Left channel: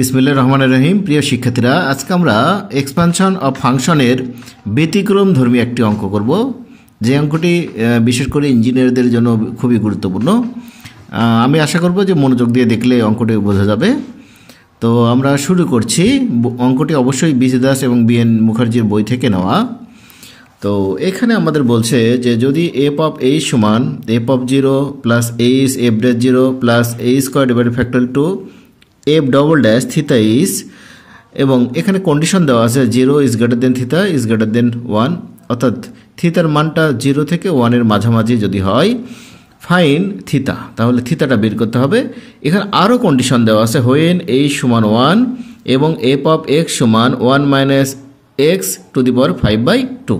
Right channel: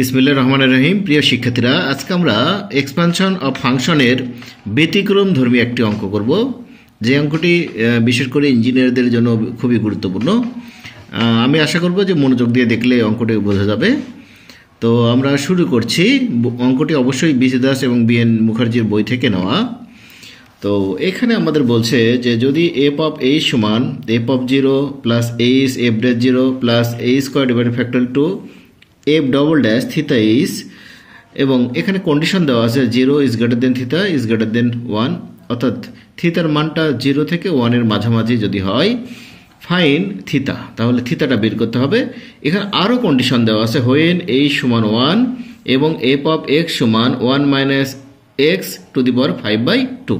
বিসমিল্লাহির রহমানির রহিম। প্রিয় শিক্ষার্থীরা, আজকে আমরা এক্সপানশন অফ ফাংশনের ব্যতিক্রম ধর্মী একটি অঙ্ক করব, যে অঙ্কটি বিশেষ করে ইঞ্জিনিয়ারদের জন্য খুবই গুরুত্বপূর্ণ। আমি আশা করব যে মনোযোগ দিয়ে দেখলে অঙ্কটি বোঝা যাবে। তো আমরা শুরু করছি। অঙ্কটি অবশ্যই বিজে দাস এবং বিএন মুখার্জির বই থেকে নেওয়া। তো এখানে আমাদের বলছে যে যদি এফ অফ a সমান f of 0 plus h f dash 0 plus a square divided factor two f double dash theta is, এবং এখানে কন্ডিশন দেওয়া আছে 0 is greater than theta is greater than 1, অর্থাৎ থিতার মানটা 0 থেকে 1 এর মাঝামাঝি যদি হয়, ফাইন থিতা, তাহলে থিতাটা বের করতে হবে। এখানে আরও কন্ডিশন দেওয়া আছে হোয়েন a সমান 1 এবং এফ অফ x সমান 1 minus x to the power 5/2।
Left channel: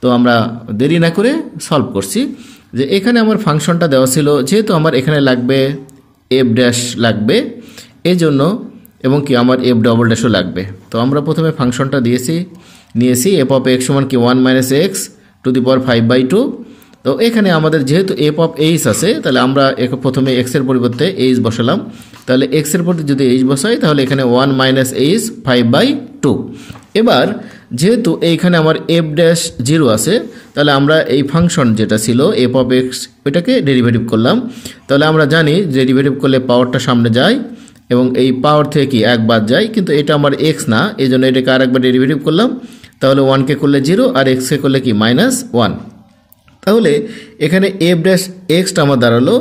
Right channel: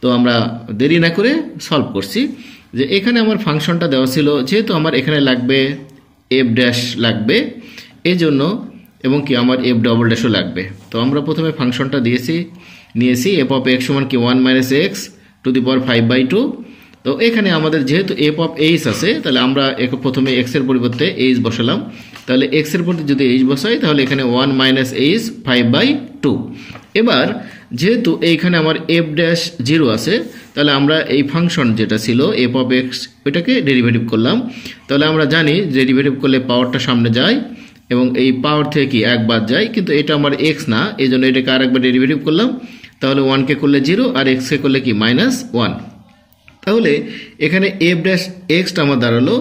তো আমরা দেরি না করে সলভ করছি। যে এখানে আমার ফাংশনটা দেওয়া ছিল, যেহেতু আমার এখানে লাগবে এফ ড্যাশ লাগবে এই জন্য, এবং কি আমার এফ ডবল ড্যাশও লাগবে। তো আমরা প্রথমে ফাংশনটা নিয়েছি এফ অফ এক্স সমান কি 1 minus x to the power 5/2। তো এখানে আমাদের যেহেতু এফ অফ এইচ আছে, তাহলে আমরা প্রথমে এক্স এর পরিবর্তে এইচ বসালাম। তাহলে এক্স এর পরিবর্তে যদি এইচ বসাই, তাহলে এখানে 1 মাইনাস এইচ 5/2। এবার যেহেতু এইখানে আমার এফ ড্যাশ 0 আছে, তাহলে আমরা এই ফাংশন যেটা ছিল এফ অফ এক্স, ওইটাকে ডেরিভেটিভ করলাম। তাহলে আমরা জানি ডেরিভেটিভ করলে পাওয়ারটা সামনে যায় এবং এই পাওয়ার থেকে কি এক বাদ যায়, কিন্তু এটা আমার এক্স না, এই জন্য এটাকে আরেকবার ডেরিভেটিভ করলাম। তাহলে 1কে করলে 0 আর এক্সকে করলে কি -1। তাহলে এখানে এফ ড্যাশ এক্সটা আমার দাঁড়ালো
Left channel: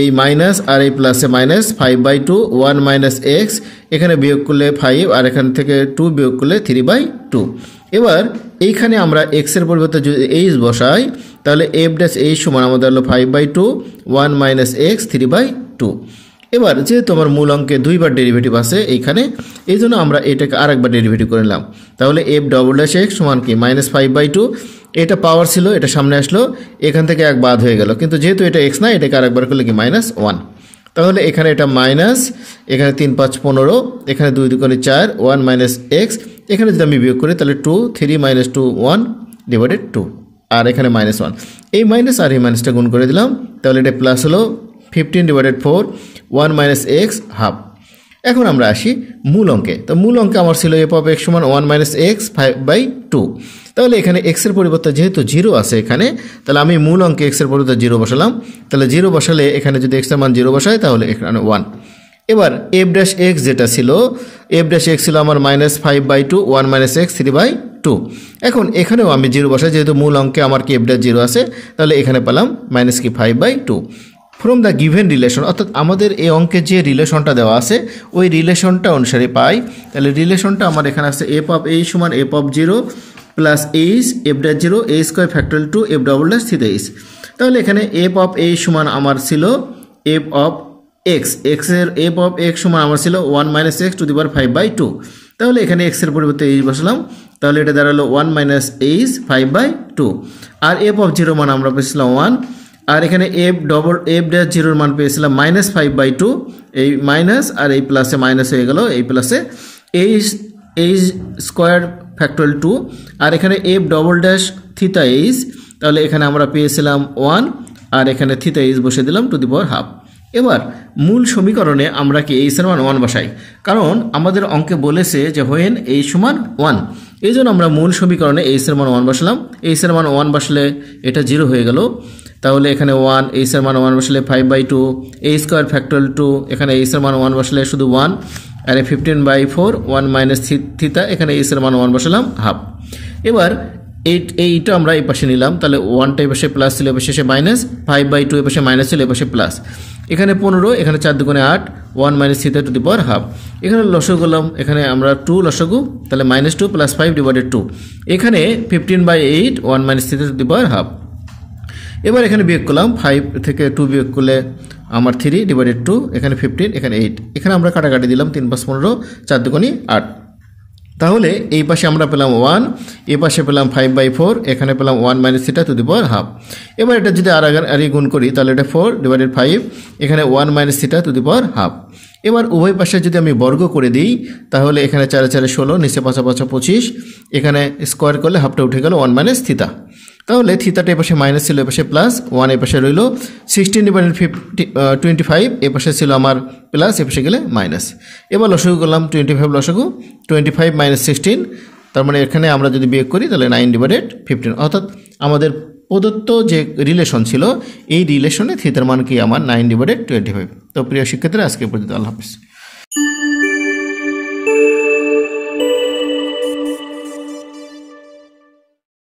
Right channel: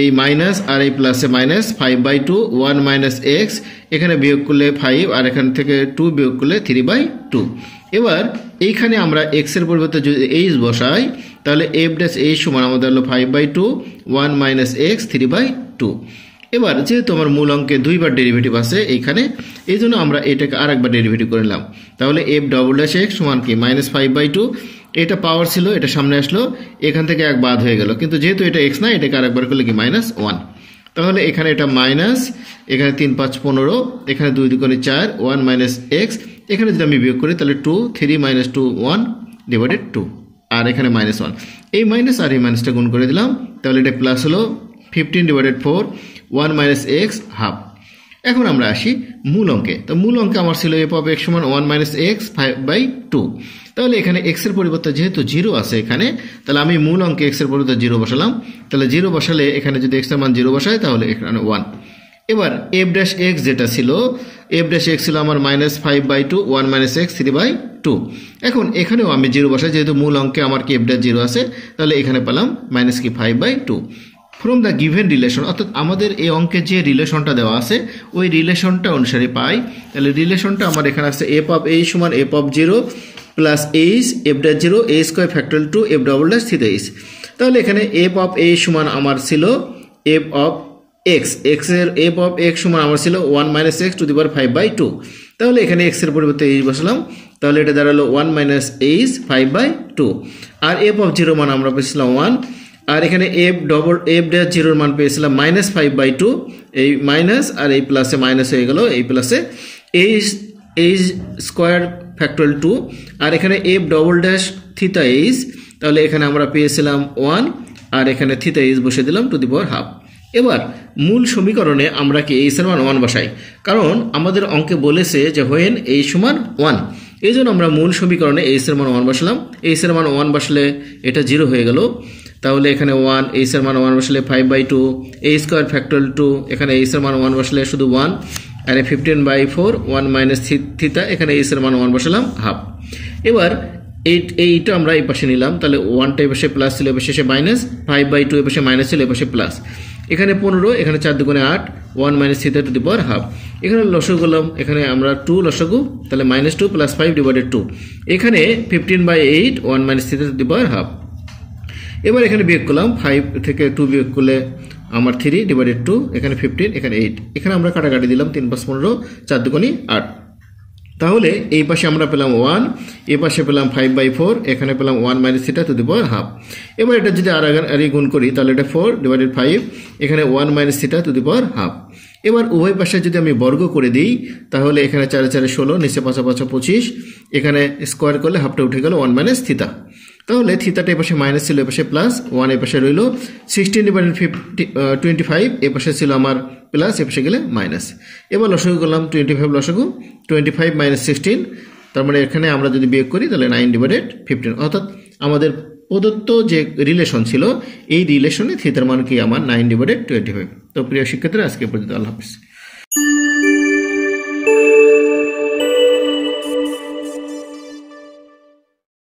এই মাইনাস আর এই প্লাসে মাইনাস 5/2, 1 মাইনাস এক্স, এখানে বিয়োগ করলে 5 আর এখান থেকে 2 বিয়োগ করলে 3/2। এবার এইখানে আমরা এক্স এর পরিবর্তে যদি এইচ বসাই, তাহলে এফ ড্যাশ এইচ সমান আমাদের হলো 5/2, 1 মাইনাস এক্স 3/2। এবার যেহেতু আমার মূল অঙ্কে দুইবার ডেরিভেটিভ আছে এইখানে, এই জন্য আমরা এটাকে আরেকবার ডেরিভেটিভ করে নিলাম। তাহলে এফ ডবল ড্যাশ এক্স সমান কি -5/2, এটা পাওয়ার ছিল, এটা সামনে আসলো, এখান থেকে এক বাদ হয়ে গেল, কিন্তু যেহেতু এটা এক্স না, এটাকে আরেকবার করলে কি -1। তাহলে এখানে এটা মাইনাস, এখানে 3 5 15, এখানে 2 2 4, 1 মাইনাস এক্স, এখানে যদি আমি বিয়োগ করি তাহলে 2 3 - 2 1 ডিভাইডেড 2, আর এখানে -1। এই মাইনাস আর এই মাইনাসটা গুণ করে দিলাম, তাহলে এটা প্লাস হলো 15/4, 1 মাইনাস এক্স হাফ। এখন আমরা আসি মূল অঙ্কে। তো মূল অঙ্কে আমার ছিল এফ অফ এক্স সমান 1 মাইনাস এক্স 5/2। তাহলে এখানে এক্স এর পরিবর্তে যেহেতু 0 আছে এখানে, তাহলে আমি মূল অঙ্কে এক্স এর পরিবর্তে 0 বসালাম। তাহলে 0 বসালে এখানে যদি এক্স এর মান 0 বসাই, তাহলে এখানে 1। এবার এফ ড্যাশ এক্স যেটা ছিল, এফ ড্যাশ এক্স ছিল আমার -5/2, 1 মাইনাস এক্স 3/2। এখন এখানেও আমি 0 বসাই, যেহেতু মূল অঙ্কে আমার কি এফ ড্যাশ 0 আছে, তাহলে এখানে পেলাম মাইনাস কি 5/2 ফ্রম দ্য গিভেন রিলেশন। অর্থাৎ আমাদের এই অঙ্কে যে রিলেশনটা দেওয়া আছে, ওই রিলেশনটা অনুসারে পাই। তাহলে রিলেশনটা আমার এখানে আছে এফ অফ এইচ সমান f of 0 plus h f dash 0 a square factorial two f double dash theta h. তাহলে এখানে এফ অফ এইচ সমান আমার ছিল এফ অফ এক্স, এক্স এর এফ অফ এক্স সমান আমার ছিল 1 minus x to the power 5/2। তাহলে এখানে এক্স এর পরিবর্তে এইচ বসালাম, তাহলে এটা দাঁড়ালো 1 মাইনাস এইচ 5/2। আর এফ অফ 0 মান আমরা পেয়েছিলাম 1, আর এখানে এফ ড্যাশ 0 মান পেয়েছিলাম -5/2। এই মাইনাস আর এই প্লাসে মাইনাস হয়ে গেল, এই প্লাসে এইচ স্কোয়ার ফ্যাক্টরিয়াল 2, আর এখানে এফ ডবল ড্যাশ থিতা এইচ, তাহলে এখানে আমরা পেয়েছিলাম 1, আর এখানে থিতা এইচ বসে দিলাম টু দি পাওয়ার হাফ। এবার মূল সমীকরণে আমরা কি এইচ এর মান 1 বসাই, কারণ আমাদের অঙ্কে বলেছে যে হোয়েন এইচ সমান 1, এই জন্য আমরা মূল সমীকরণে এইচ এর মান 1 বসালাম। এইচ এর মান 1 বসলে এটা 0 হয়ে গেল, তাহলে এখানে 1, এইচ এর মান 1 বসলে 5/2, a স্কোয়ার ফ্যাক্টরিয়াল 2, এখানে এইচ এর মান 1 বসলে শুধু 1, আর 15/4, 1 মাইনাস থিতা, এখানে এইচ এর মান 1 বসালাম হাফ। এবার এইটা আমরা এই পাশে নিলাম, তাহলে 1টা এই পাশে প্লাস ছিল, এ পাশে মাইনাস, 5/2 এ পাশে মাইনাস ছিল, এ পাশে প্লাস, এখানে 15, এখানে 4 2 8, 1 minus theta two the power half. এখানে লসাগু করলাম, এখানে আমরা 2 লসাগু, তাহলে -2 প্লাস 5 ডিভাইডেড 2, এখানে 15/8, 1 minus theta two the power half. এবার এখানে বিয়োগ করলাম, 5 থেকে 2 বিয়োগ করলে আমার 3 ডিভাইডেড 2, এখানে 15, এখানে 8, এখানে আমরা কাটাকাটি দিলাম, 3 5 15, 4 2 8। তাহলে এই পাশে আমরা পেলাম 1, এই পাশে পেলাম 5/4, এখানে পেলাম 1 minus theta two the power half. এবার এটা যদি আর গুণ করি, তাহলে এটা 4 ডিভাইডেড 5, এখানে 1 minus theta two the power half. এবার উভয় পাশে যদি আমি বর্গ করে দিই, তাহলে এখানে 4 4 16, নিচে 5 5 25, এখানে স্কোয়ার করলে হাফটা উঠে গেল 1 মাইনাস থিটা। তাহলে থিতাটা এপাশে মাইনাস ছিল, এপাশে প্লাস, 1 এপাশে রইল, 16/25 এপাশে ছিল আমার প্লাস, এপাশে গেলে মাইনাস। এবার লসাগু করলাম, 25 লসাগু, 25 - 16, তার মানে এখানে আমরা যদি বিয়োগ করি তাহলে 9/15, অর্থাৎ আমাদের প্রদত্ত যে রিলেশন ছিল এই রিলেশনে থিতার মান কি আমার 9/25। তো প্রিয় শিক্ষার্থীরা আজকে পর্যন্ত, আল্লাহ হাফেজ।